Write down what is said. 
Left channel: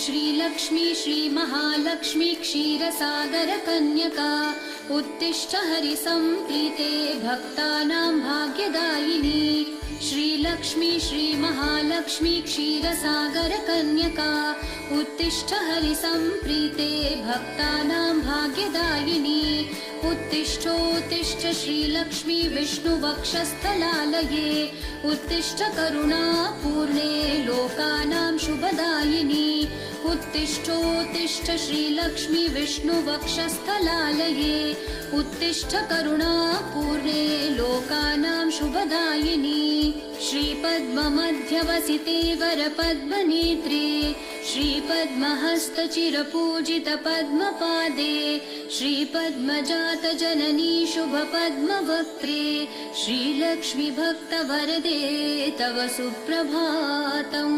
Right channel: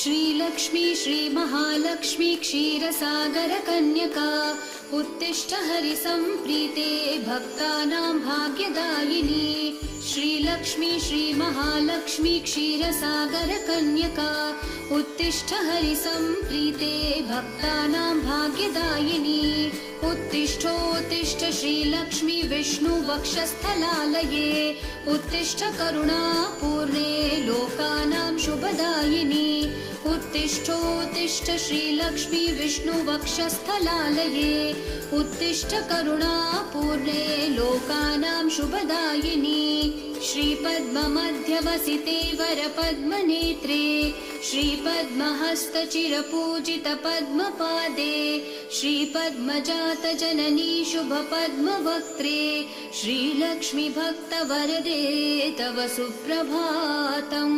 श्रीलक्ष्मी श्रीमहालक्ष्मी क्षीरसागरकन्यका उत्तिष्ठ हरिसम्प्रीते भक्तानां भाग्यदायिनी श्रीलक्ष्मी श्रीमहालक्ष्मी क्षीरसागरकन्यका उत्तिष्ठ हरिसम्प्रीते भक्तानां भाग्यदायिनी उत्तिष्ठोत्तिष्ठ श्रीलक्ष्मी विष्णुवक्षस्थलालये उत्तिष्ठ करुणापूर्णे लोकानां शुभदायिनी उत्तिष्ठोत्तिष्ठ श्रीलक्ष्मी विष्णुवक्षस्थलालये उत्तिष्ठ करुणापूर्णे लोकानां शुभदायिनी श्रीपद्ममध्यवसिते वरपद्मनेत्रे श्रीपद्महस्तचिरपूजितपद्मपादे श्रीपद्मजातजननी शुभपद्मवक्त्रे श्रीलक्ष्मी भक्तवरदे तव सुप्रभातम्।